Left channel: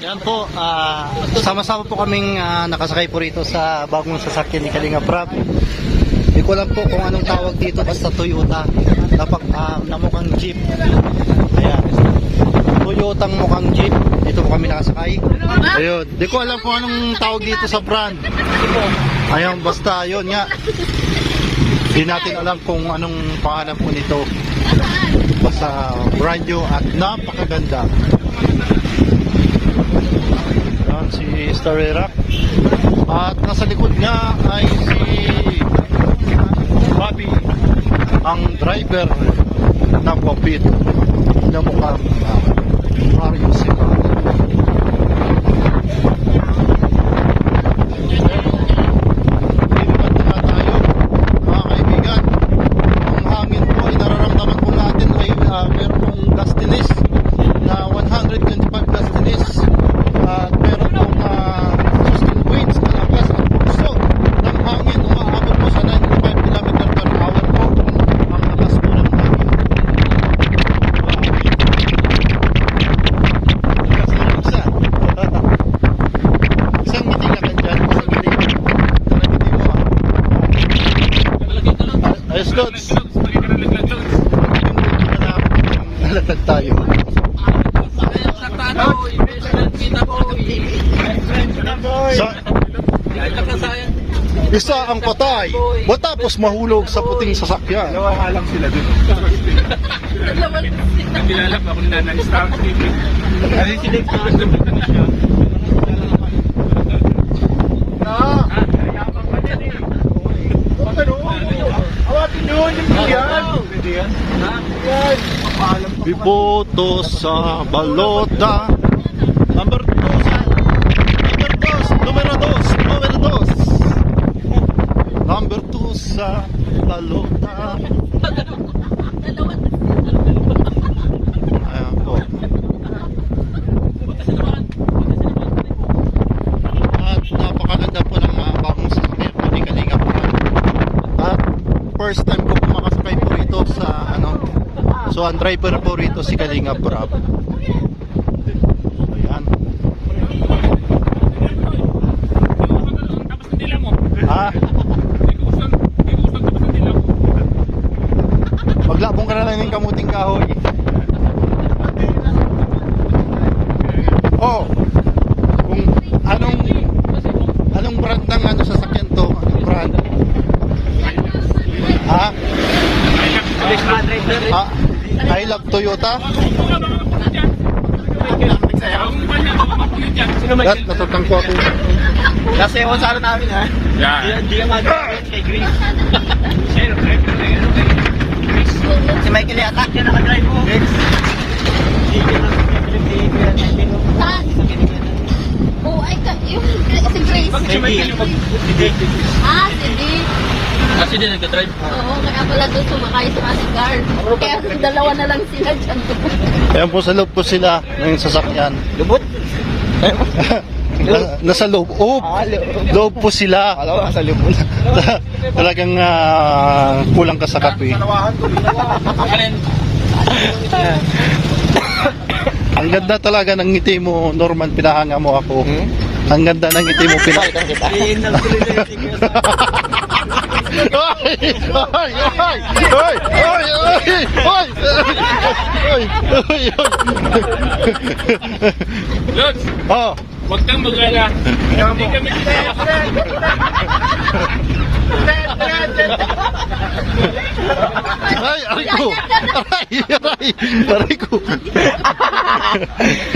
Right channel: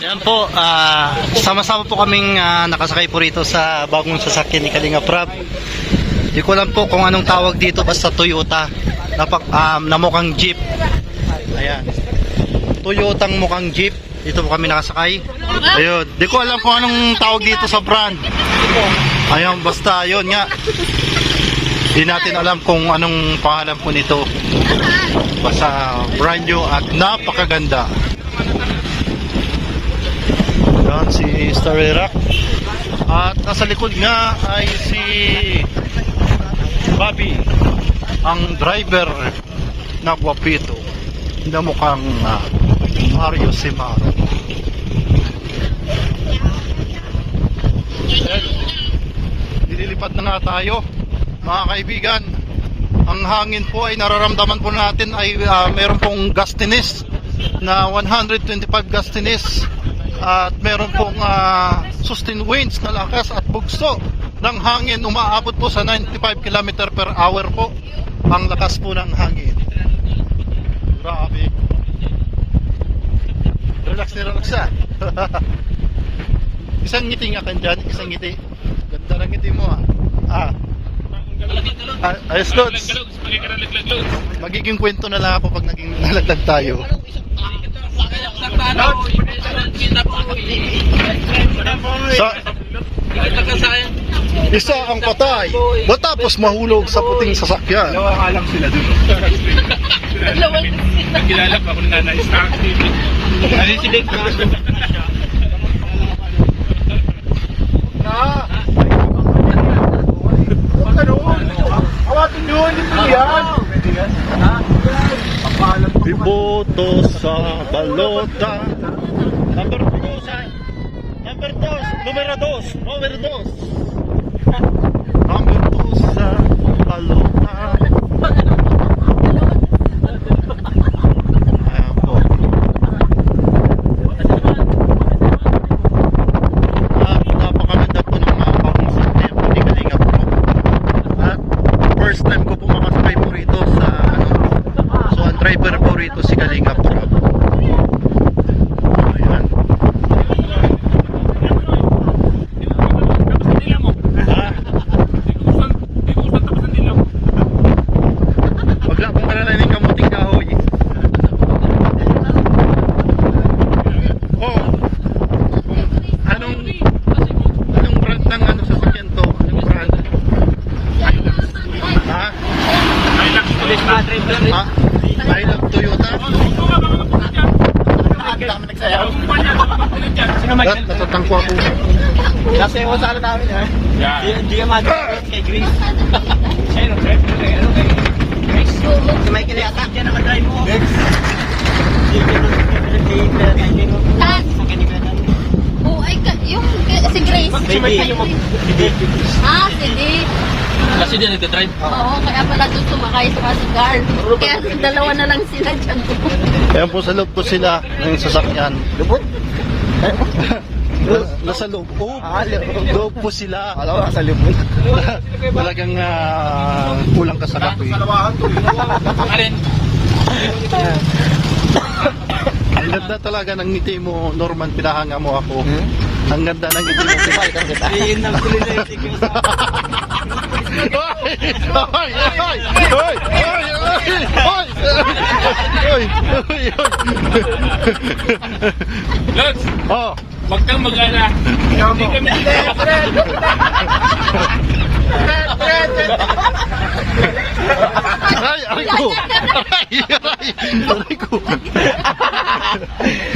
Yan po, sama-sama po kaming nakasakay po rito sa bagong sasakyan ni Kalinga Prab. Di ko alam po kung anong tawag dito, basta Toyota na mukhang jeep. Ayan, Toyotang mukhang jeep. Dito po kami nakasakay. Ayun, di ko alam kung anong tawag dito sa brand. Ayun, basta yun nga, di natin alam kung anong pangalan po nito. Basta brand new at napakaganda. Yan si Starry Rock. At nasa likod nga ay si Bobby, ang driver na guwapito na mukhang Mario Sima. Nililipad na tayo mga kaibigan. Ang hangin po ay nararamdaman po natin ay meron pong gustiness na 125 gustiness. At meron pong sustained winds na lakas at bugso ng hangin. Umaabot po sa 95 km per hour po ang lakas po ng hangin. Grabe. Relax na relax ah. Isang ngiti nga kan dyan. Isang ngiti. Isang ngiti mo ayos Lods. Magiging kwento na lang ako pag magiging nalagdag tayo. Isa ang patay matapos mahulog sa puting sasakyan. Dalawa ka lang sila dun. Nagkilala pa ako na na-scar. Kasi si Dave Castro. Awatin nyo, hindi yan. Iboto sa balota. Number 2 numero 2 number 2 sa balota. Ayan po. At napakaganda po ng mga bagong sasakyan po ni Kalinga po. At first time ko po makasakay po rito sa so ang driver po rito si Kalinga Prab. Ayan. Maglabong ka na lang ng kamuting kahoy. Oh, anong brand ng sasakyan to? Anong brand? I love Toyota. Natatangko ako. Kasi ako sa namin ha. Hindi ka mag-aakit kay Grace. Si Michael yung attack yan nakadrive mo. Oh, ay yung si Grace. Si Michael yung sige. Kasi din nagdadrive. Oo, kaya pala doon sumakay sa guard. Kaya dalawa na lang sila dyan. Ayan po sa loob po sila ng sasakyan. Lubot? Nasa loob. Loob po sila. Alam mo, sa lubot. Talagang kulang ka sa kape. Ang ganda talaga ng ngiti mo, Norman, pinahanga mo ako. Ang ganda ng ngiti mo, pinahanga kita. Logs, Oh, wag kang mag-ala. Hindi kami. aray ko. Aray ko.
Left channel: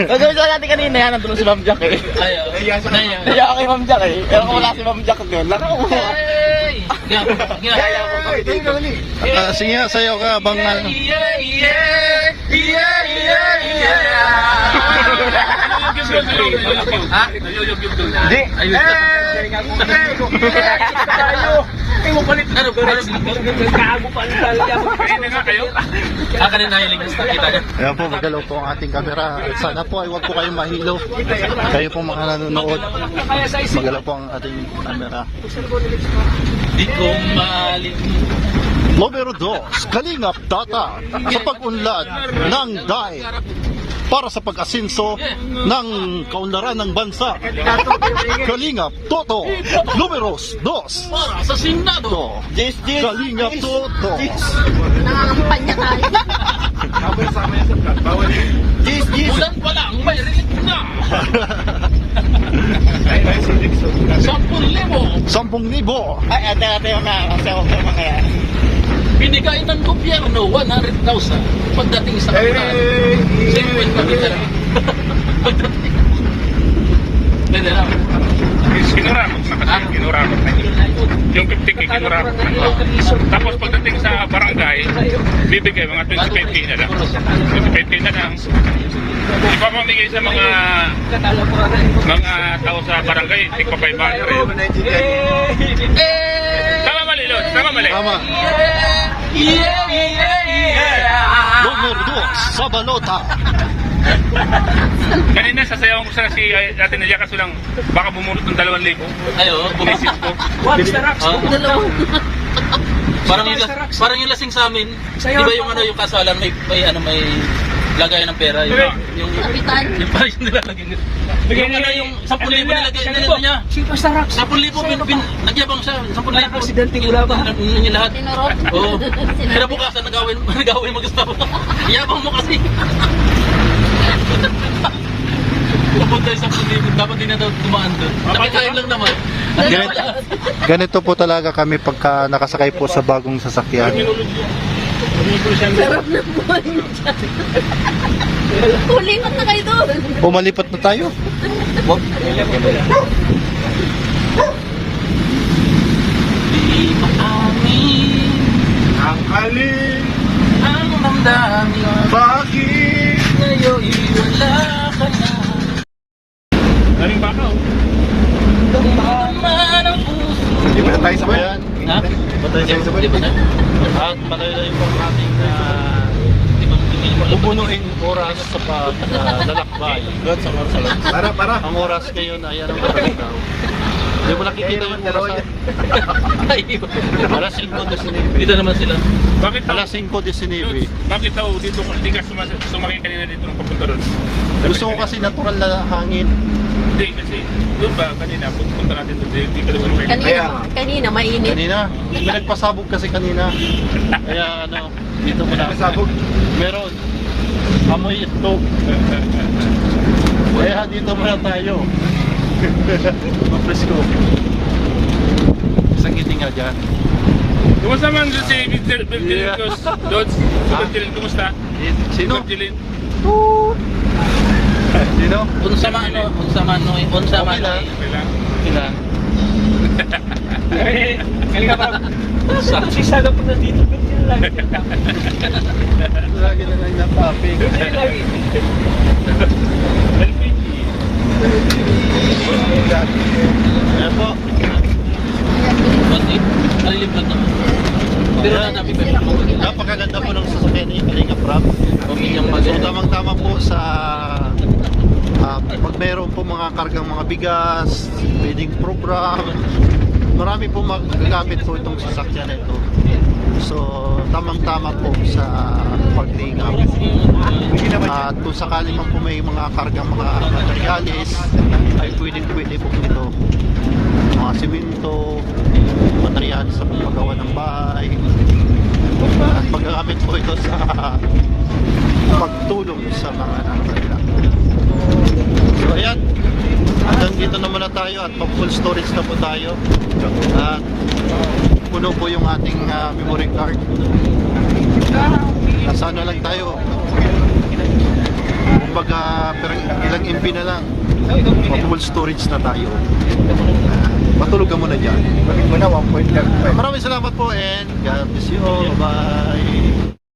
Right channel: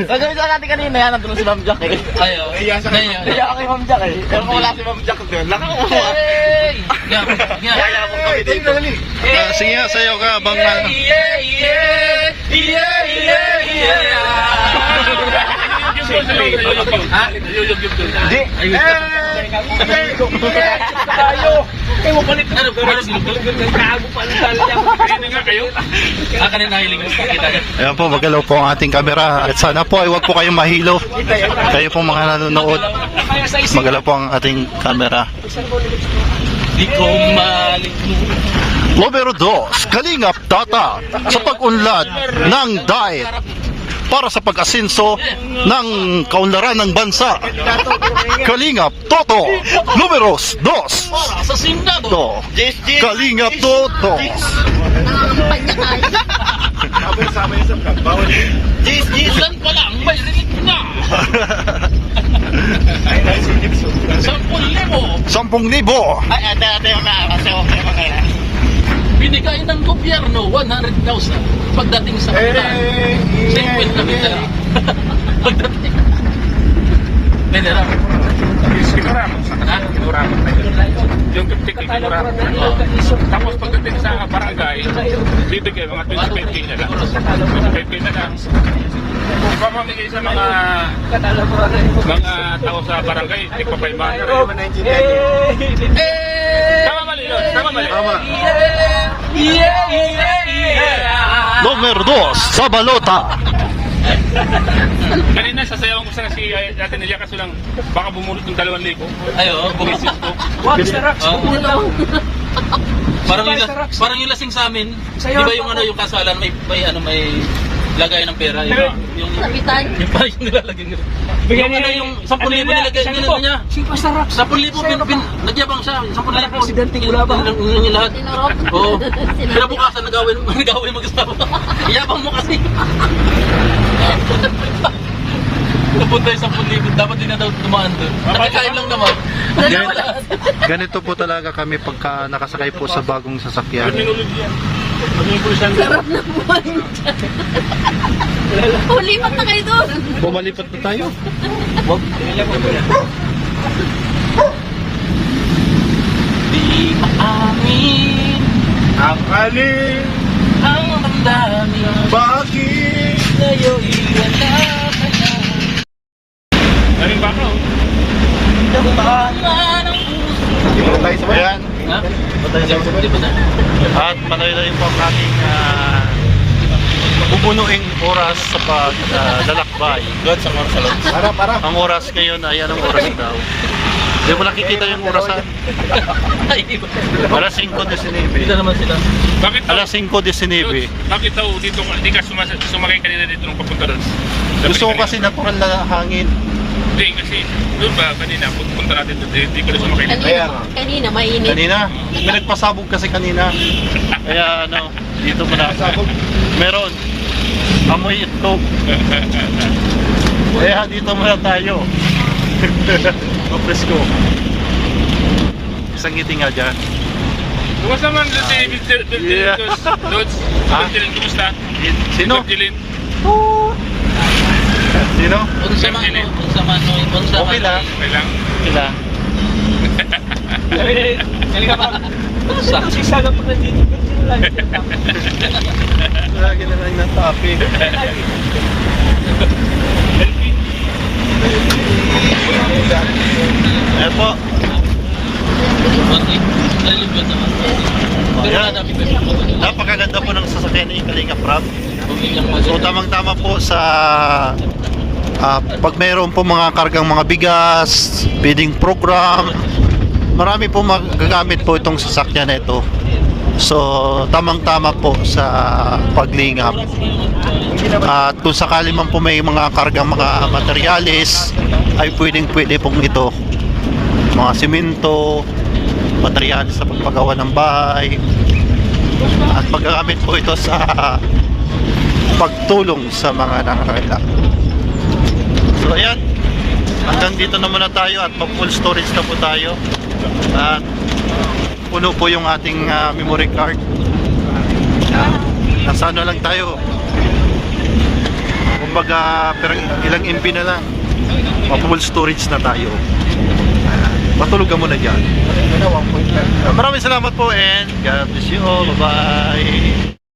Nagawin sa natin kanina yan, nandun si Ma'am Jack eh. Ayaw. Ayaw ako kay Ma'am Jack eh. Pero kaya si Ma'am Jack doon. Kaya ako kami dito. Sige nga, sayo ka. Bang Hindi. Tayo. Eh, mapalit na. Kago pa talaga. Kanina na kayo. Kanina hiling kita. Ayan po, magalaw po ang ating camera. At sana po ay huwag po kayong mahilo. Kayo po mga nanonood, magalaw po ang ating camera. Di ko malit. Numero 2, Kalingap Tata sa pag-unlad ng diet. para sa pag-asenso ng kaunlaran ng bansa. Kalingap Toto, numeros 2. Para sa Senado. Kalingap Toto. Nangangampanya tayo. Ulan pa lang, may rinig na. 10,000. 10,000. Binigay ng gobyerno 100,000 pagdating sa kapital. Siyempre na kita. Pagdating. Hindi lang. Kinurapot sa kasi, kinurapot na yun. Yung 50k, kinurapot na yun. Tapos pagdating sa barangay, bibigay mga 25k na lang. 25k na lang. Ipapamigay sa mga tao sa barangay, tigpa 500. Tama mali, Lord. Tama mali. Tama. Numero 2 sa balota. Kanina sasayaw ko sa si Ate Nelia kaso lang baka bumulot ng 2,000. Ayo, Bumisit ko. Parang yung lasing sa amin. Di ba yung yung kasalan may lagayan ng pera yung Kapitan. yung pa yung nilalagay nila. Yung yung 10,000 nilagay niya. 10,000 nagyabang siya. 10,000 presidente wala ba yung lahat. Tinurok. Oo. Kinabukasan nagawin mag-asawa. Yabang mo kasi. Napunta yung 10,000 dapat din na daw tumaan doon. Mapakain lang naman. Ganito po talaga kami pagka nakasakay po sa bagong sasakyan. Sarap na buwan dyan. Ulipat na kayo doon. Pumalipat na tayo. Ang alin, Ang damdamin bakit? ngayon wala ka na. Maring baka oh. Daman ang puso. Hindi mo na tayo sabay. Ayan. Ha? Di ba na? At patuloy po ang aming bubunuing oras sa paglalakbay. Doon sa Marsalon. Para. Ang oras ngayon ay anong oras daw? Hindi mo nakikita yung orasan. Ay, iba. Alas 5:19. Dito naman sila. Bakit daw? Alas 5:19. Bakit daw dito hindi ka sumakay kanina dito nung papunta doon? Gusto ko kasi natural na hangin. Hindi kasi doon ba kanina punta natin doon hindi ko na sumakay. Kanina mainit. Kanina, may nagpasabog kasi kanina. Kaya dito muna. Pasabog? Meron. Amoy itlog. Kaya dito muna tayo. Presko. Isang ngiti nga dyan. Kumusta man si Bertilin Dods? Bertilin, kumusta? Sino? Bertilin. Sino? Unsa man no, unsa man. Okay lang. Okay lang. Sila. Sisa ka pa dito. Lagi na lang natapi. Ayan po. Nalilibad naman. Pero hanapin ko. Napakaganda po ng sasakyan ni Kalingap Rap. So tamang-tama po sa pag mayroon po mga kargang mga bigas, feeding program, marami po magagamit po itong sasakyan na ito. So tamang-tama po sa paglingap. At kung sakali man po may mga kargang mga materyales, ay pwede pong ito. Mga simento, materyales sa pagpagawa ng bahay, at magagamit po ito sa pagtulong sa mga nangangailangan. So ayan, hanggang dito na muna tayo at mag full storage na po tayo at puno po yung ating memory card. Nasa ano lang tayo, kumbaga ilang MB na lang, mag full storage na tayo. Matulog ka muna dyan. Maraming salamat po and God bless you all. Bye-bye.